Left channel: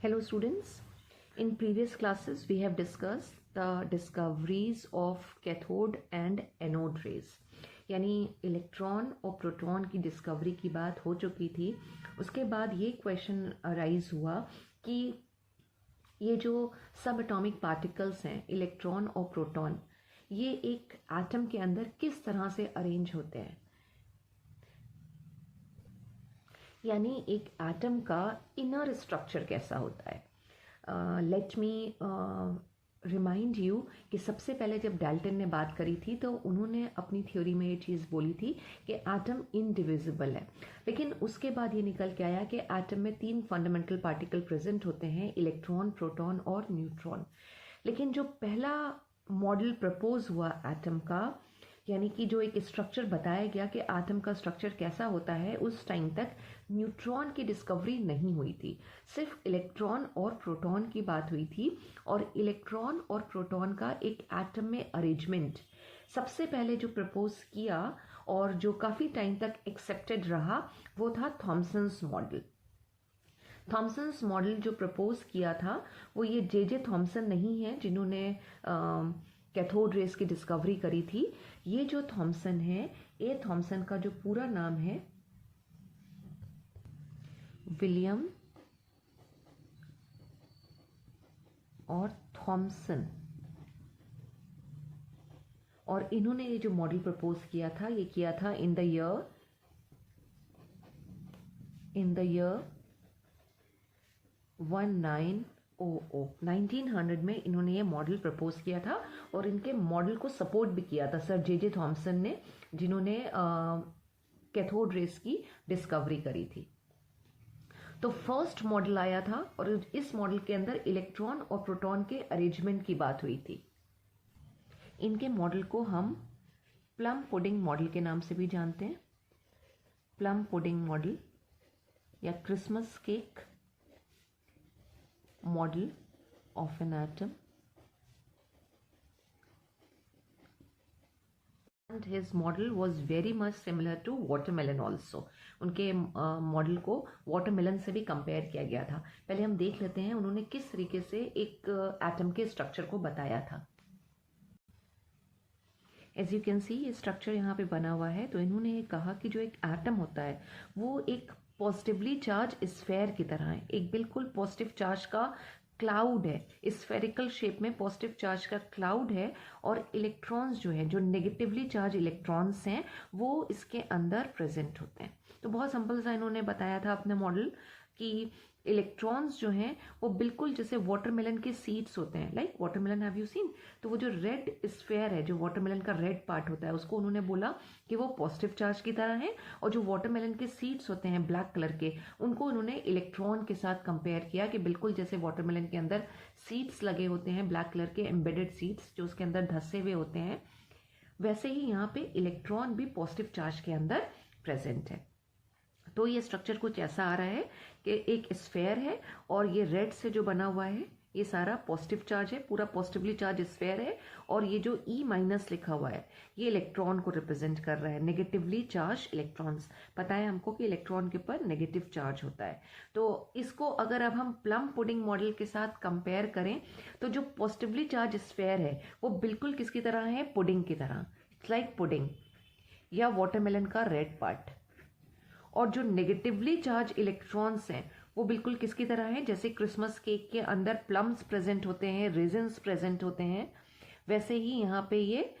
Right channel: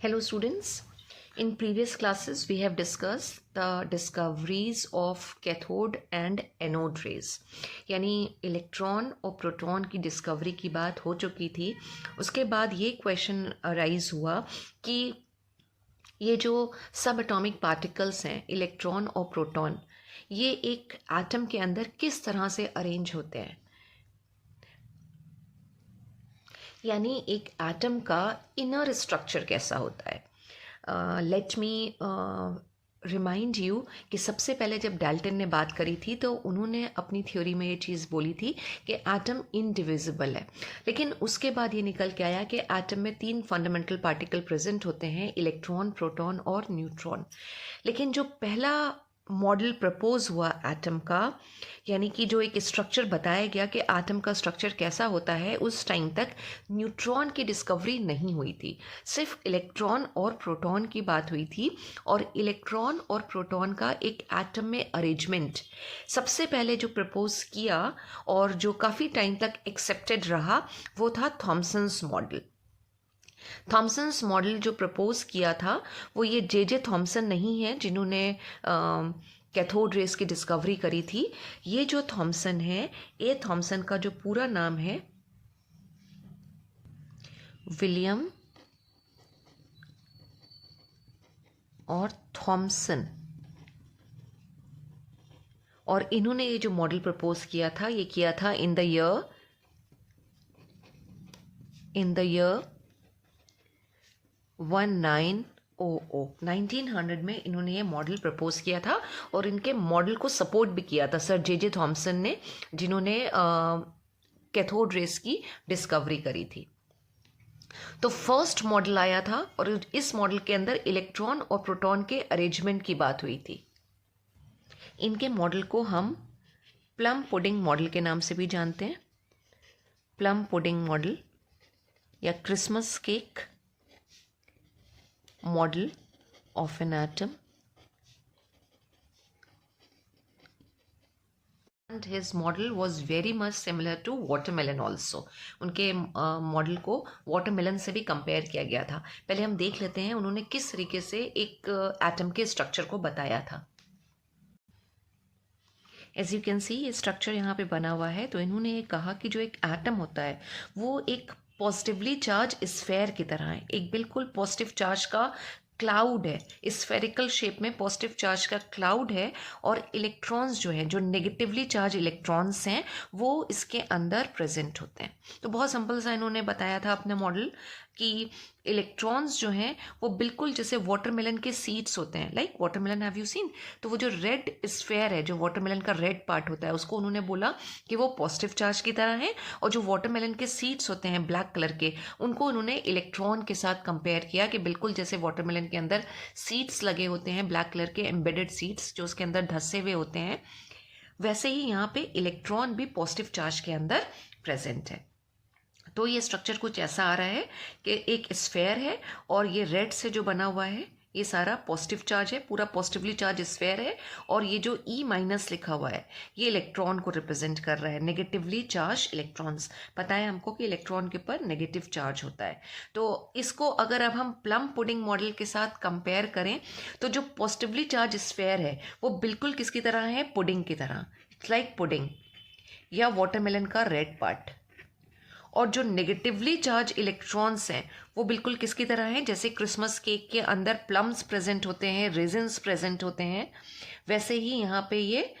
Hello students, in previous classes we have discussed the discoveries of cathode and anode rays. यानी electron और proton की discovery की बात हो चुकी थी. उसके बाद ये क्वेश्चन अराइज हुआ कि ये जो सब एटॉमिक पार्टिकल्स हैं इलेक्ट्रॉन और प्रोटॉन, ये एक एटम के अंदर किस तरह से अरेंज होते हैं. यानी एक एटम का इनर स्ट्रक्चर कैसा होता है. लेट मी रिमाइंड यू कि सबसे पहले जब डाल्टन ने बात करी थी तो उन्होंने अपनी थ्योरी में ये चीज़ बोली थी कि एटम इनडिविजिबल है. लेकिन उसके बाद ये निकल के आया कि एटम में 3 फंडामेंटल पार्टिकल प्रेजेंट होते हैं, इलेक्ट्रॉन, प्रोटॉन और न्यूट्रॉन. लेकिन जो पहला मॉडल प्रपोज हुआ एटम का, यानी कि जो एक स्ट्रक्चर बताया गया कि एटम का स्ट्रक्चर कैसा होता है, उस टाइम तक न्यूट्रॉन की डिस्कवरी नहीं हुई थी. सिर्फ इलेक्ट्रॉन और प्रोटॉन की बात हुई थी. और इलेक्ट्रॉन और प्रोटॉन का एक एटम में अरेंजमेंट सबसे पहले जो प्रपोज किया और जो काफ़ी टाइम तक एक्सेप्टेड रहा वो था थॉमसन्स मॉडल. थॉमसन्स मॉडल जो प्रपोज किया था वो ये जे थॉमसन नहीं है जिन्होंने कैथोड रेस की डिस्कवरी करी थी. ये जो थॉमसन है, ये थॉमसन का जो पूरा नाम है विलियम और थॉमसन. और इन्होंने ये जो मॉडल प्रपोज किया था ये किया था इन द ईयर 1900 में इन्होंने ये मॉडल प्रपोज किया था. और इनके मॉडल को सपोर्ट भी किया था सर जे थॉमसन ने, जिन्होंने कैथोड रेस की डिस्कवरी करी थी. तो फर्स्ट मॉडल आया था और इस मॉडल के अंदर इलेक्ट्रॉन और प्रोटॉन के अरेंजमेंट की बात हुई थी. इनके मॉडल को हम प्लम पुडिंग मॉडल के नाम से भी जानते हैं. प्लम पुडिंग मॉडल या Christmas cake model of an atom, and his model was very much similar to watermelon also. उनके मॉडल को वाटरमेलन से भी कंपेयर किया गया था. पहले हम देख लेते हैं उन्होंने किस तरीके से एक एटम के स्ट्रक्चर को बताया था. एज यू कैन सी ये स्ट्रक्चर यहाँ पे बना हुआ है. तो इन्होंने ये कहा कि जो एक एटम होता है वो एक पॉजिटिवली चार्ज स्फेयर की तरह है, एक बिल्कुल पॉजिटिव चार्ज का क्लाउड है, स्फेरिकल शेप में पॉजिटिव चार्ज का क्लाउड है. और इलेक्ट्रॉन्स जो हैं, जो नेगेटिवली चार्ज इलेक्ट्रॉन्स हैं, वो इसके अंदर प्रेजेंट होते हैं. तो बहुत सिंपल सा इन्होंने बताया था अपना मॉडल कि इलेक्ट्रॉन्स जो हैं वो बिल्कुल जैसे वाटरमेलन के सीड्स होते हैं. Like watermelon have you seen. तो वो जो रेड स्फेयर है, जो वाटरमेलन का रेड पार्ट होता है, उसको उन्होंने बोला कि वो पॉजिटिव चार्ज की तरह है. और जो वाटरमेलन के सीड्स होते हैं ब्लैक कलर के, उनको उन्होंने इलेक्ट्रॉन के साथ कंपेयर किया कि बिल्कुल जैसे वाटरमेलन के अंदर सीड्स लगे होते हैं, ब्लैक कलर के एम्बेडेड सीड्स जो उसके अंदर धंसे हुए होते हैं, वैसे ही यहाँ पे इलेक्ट्रॉन भी पॉजिटिव चार्ज के अंदर प्रेजेंट है. तो ये स्ट्रक्चर कुछ ऐसा आ रहा है कि एक स्फेयर है और ये रेड से जो बना हुआ है ये सारा पॉजिटिव चार्ज है, पूरा पॉजिटिवली चार्ज स्फेयर है. और ये जो E- लिखा हुआ है ये इलेक्ट्रॉन को रिप्रेजेंट कर रहा है, नेगेटिवली चार्ज इलेक्ट्रॉन्स. पता है हमको कि इलेक्ट्रॉन के ऊपर नेगेटिव चार्ज होता है. तो इसको अगर अब हम प्लम पुडिंग मॉडल के साथ कंपेयर करें तो जो पॉजिटिवली चार्ज स्फेयर है वो बिल्कुल किसकी तरह है, पुडिंग की तरह, लाइक पुडिंग या वाटरमेलन का रेड पार्ट. और जो नेगेटिवली चार्ज इलेक्ट्रॉन्स हैं वो बिल्कुल किसकी तरह हैं, जैसे क्रिसमस केक के अंदर प्लम्स प्रेजेंट होते हैं, रेजिन्स प्रेजेंट होते हैं, वैसे ही यहाँ पे ये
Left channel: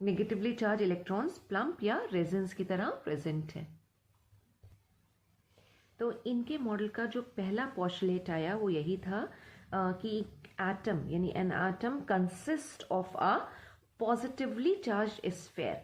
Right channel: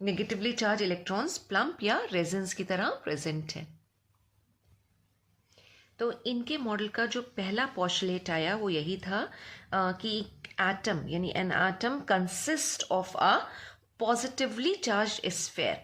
नेगेटिवली चार्ज इलेक्ट्रॉन्स प्लम या रेजिन्स की तरह प्रेजेंट है. तो इनके मॉडल का जो पहला पोस्टुलेट आया वो यही था कि एटम यानी an atom consist of a positively charge sphere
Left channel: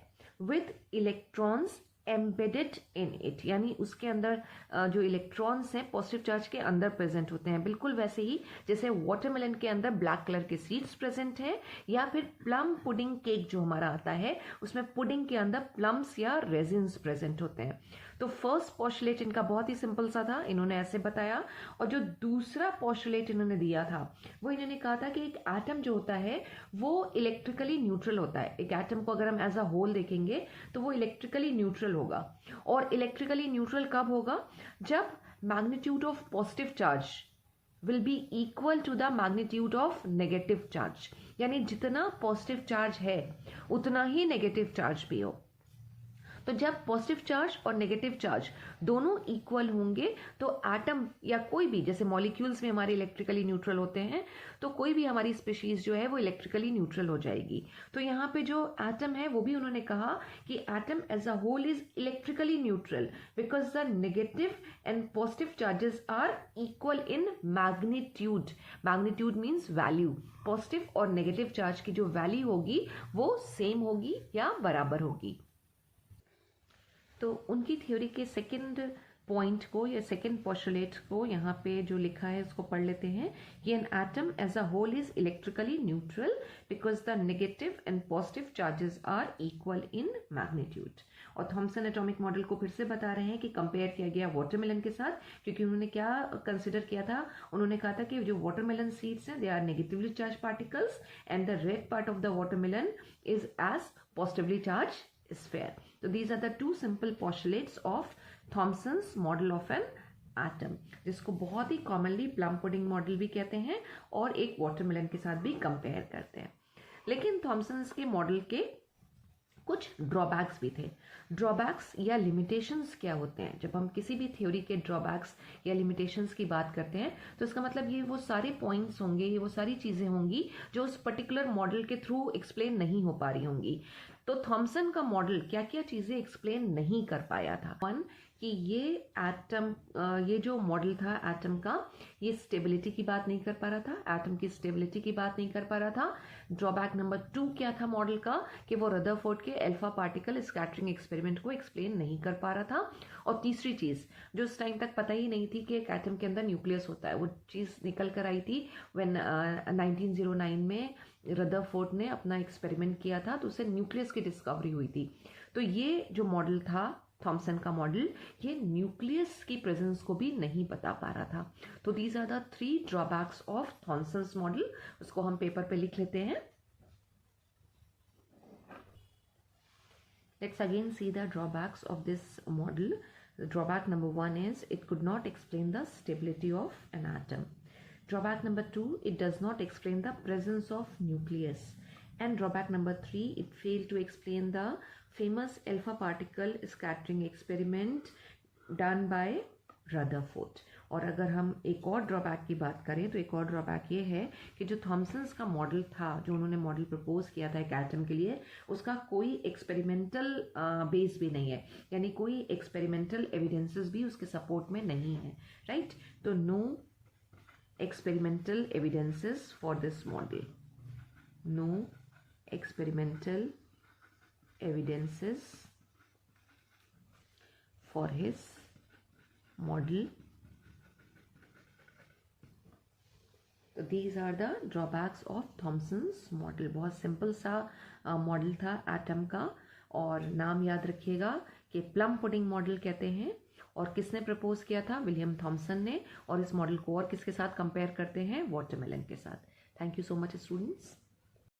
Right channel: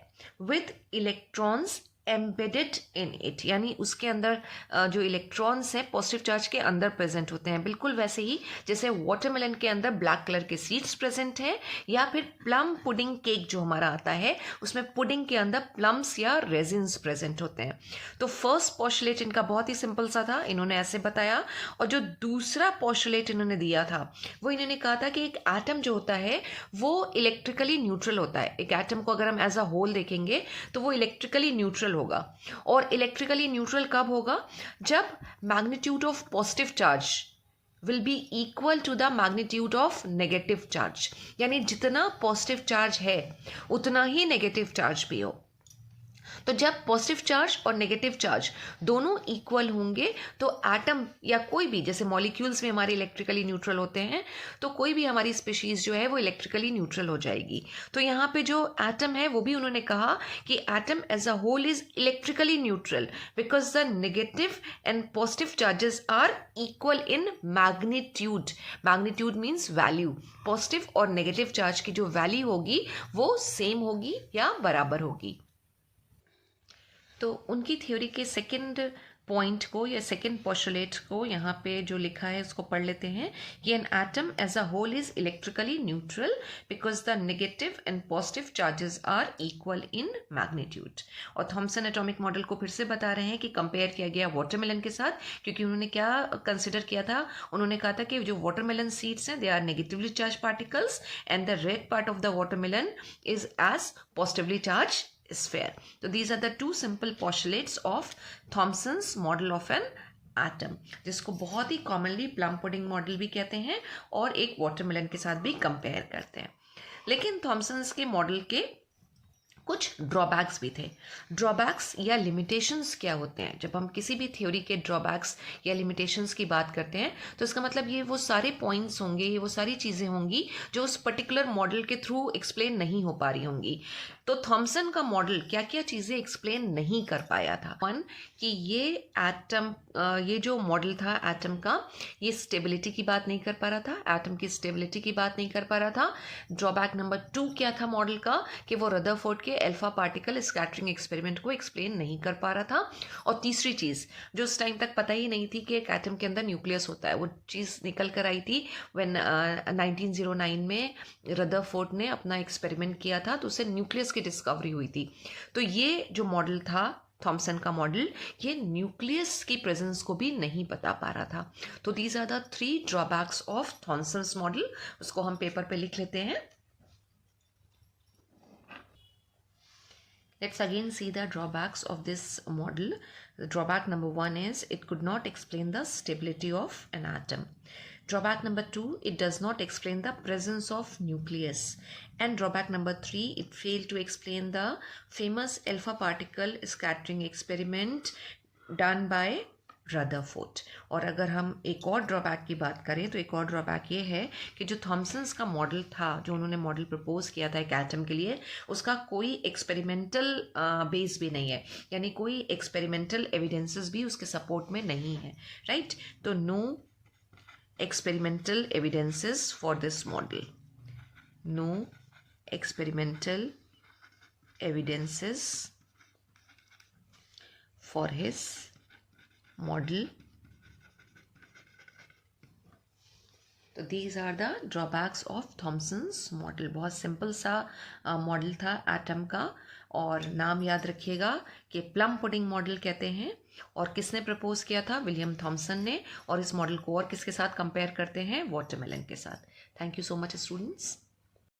with electrons embedded in it. यानी उसके अंदर जो इलेक्ट्रॉन्स हैं पॉजिटिव चार्ज के अंदर प्रेजेंट होते हैं, बिल्कुल वैसे ही जैसे वाटरमेलन के अंदर ब्लैक कलर के सीड्स प्रेजेंट हैं, या फिर प्लम पुडिंग केक जो हमारा आता है उसमें पुडिंग के अंदर प्लम्स या रेजिन्स प्रेजेंट होते हैं. तो फर्स्ट पोस्टुलेट इनका बहुत ही सिंपल सा था, इन्होंने ऐसे बताया. और जो दूसरा पोस्टुलेट इन्होंने दिया था वो इन्होंने कहा था कि एक एटम जो होता है वो इलेक्ट्रिकली न्यूट्रल होता है. एक एटम को अगर हम एज अ होल देखेंगे तो वो इलेक्ट्रिकली न्यूट्रल होगा. और इलेक्ट्रिकली न्यूट्रल कब होगा, जब magnitude of positive charge will be equal to the magnitude of negative charge, यानी जितना पॉजिटिव चार्ज है उतना ही नेगेटिव चार्ज भी हो। तो जब पॉजिटिव चार्ज और नेगेटिव चार्ज दोनों इक्वल होंगे तो एटम या कोई भी, जैसे मॉलिक्यूल्स में हमारे इलेक्ट्रिकली न्यूट्रल होते हैं, तो कोई भी हमारी स्पीशीज जो है वो इलेक्ट्रिकली न्यूट्रल हो जाएगी। तो यहाँ पे जो एटम है वो भी उन्होंने कहा कि atom as a whole is electrically neutral because the negative and positive charges are equal in magnitude. Magnitude means value. Positive और नेगेटिव चार्ज की जो वैल्यू होगी वो सेम होगी या बराबर होगी। तो उनकी थ्योरी के सेकंड पॉइंट को या सेकंड पोस्टुलेट को यहाँ पे जो लिखा है उसको पढ़ लेते हैं कि an atom as a whole is electrically neutral because the negative and positive charges are equal in magnitude. और थॉमसन एटॉमिक मॉडल को फिर से बता रहे हैं कि कंपेयर किया गया वाटरमेलन के साथ, क्योंकि उन्होंने क्या कंसिडर किया था, उन्होंने कहा था कि जो वाटरमेलन सीड्स हैं they are negatively charge particles and the red part of the watermelon is as positively charge sphere. So these are the two simple postulates of Thomson's model of an atom, जिसको बहुत ही commonly plum pudding model भी कहते हैं और एक watermelon के साथ भी कंपेयर करते हैं। लेकिन थॉमसन्स के मॉडल के कुछ ड्रॉबैक्स भी थे। ड्रॉबैक्स या लिमिटेशंस क्या होते हैं? जब हम किसी भी थ्योरी के ड्रॉबैक्स या लिमिटेशंस की बात करते हैं तो इसका मतलब ये वो सारे पॉइंट्स होंगे, ये वो सारी चीज़ें होंगी जो उस पर्टिकुलर मॉडल के थ्रू एक्सप्लेन नहीं हो पा रही होंगी। तो थॉमसन का मॉडल क्या क्या चीज़ें एक्सप्लेन नहीं कर पाया था? वन, कि ये एटम, ये जो मॉडल था एटम का, ये स्टेबिलिटी की बात नहीं कर पा रहा था, एटम की स्टेबिलिटी की बात नहीं कर पा रहा था। ड्रॉबैक नंबर 2 क्या था मॉडल का? कि वो रदरफोर्ड के अल्फा पार्टिकल स्कैटरिंग एक्सपेरिमेंट को एक्सप्लेन नहीं कर पा रहा था। और तीसरी चीज़ जो उस टाइम तक पता ही नहीं थी कि एक एटम के अंदर न्यूक्लियस होता है, वो चीज़ निकल कर आई थी व्हेन 1909 में रदरफोर्ड ने अपना एक्सपेरिमेंट किया था, तो उससे न्यूक्लियस की डिस्कवरी हुई थी। तो ये जो मॉडल था थॉमसन का मॉडल, ये न्यूक्लियस की प्रेजेंस को भी नहीं बता पा रहा था। तो these are the 3 drawbacks of Thomson's model. उसको हम पेपर पे लिख लेते हैं। Let's again see the drawbacks of this model. The drawback number 1 is it could not explain the stability of an atom. Drawback number 2, it does not explain the presence of nucleus. And drawback number 3, it failed to explain the famous alpha particle scattering experiment done by Rutherford. और अगर हम एक और drawback की बात करें तो एक और ड्रॉबैक ये है कि जो थॉमसन्स का मॉडल था, जो उन्होंने मॉडल प्रपोज किया था एक एटम के लिए, उसका कोई एक्सपेरिमेंटल बेस भी नहीं है, यानी कोई एक्सपेरिमेंटल एविडेंसेस भी उसके सपोर्ट में नहीं है, राइट? तो no experimental evidences for this model, no experimental evidences for his model. तो these are the drawbacks of Thomson's model. बहुत सिंपल सा मॉडल था एटम का, और नाम याद रखिएगा कि प्लम पुडिंग मॉडल कहते हैं। और किसने प्रपोज किया था? विलियम थॉमसन ने। और इस मॉडल को और किसके साथ कंपेयर करते हैं? वाटरमेलन के साथ। Thank you so much students.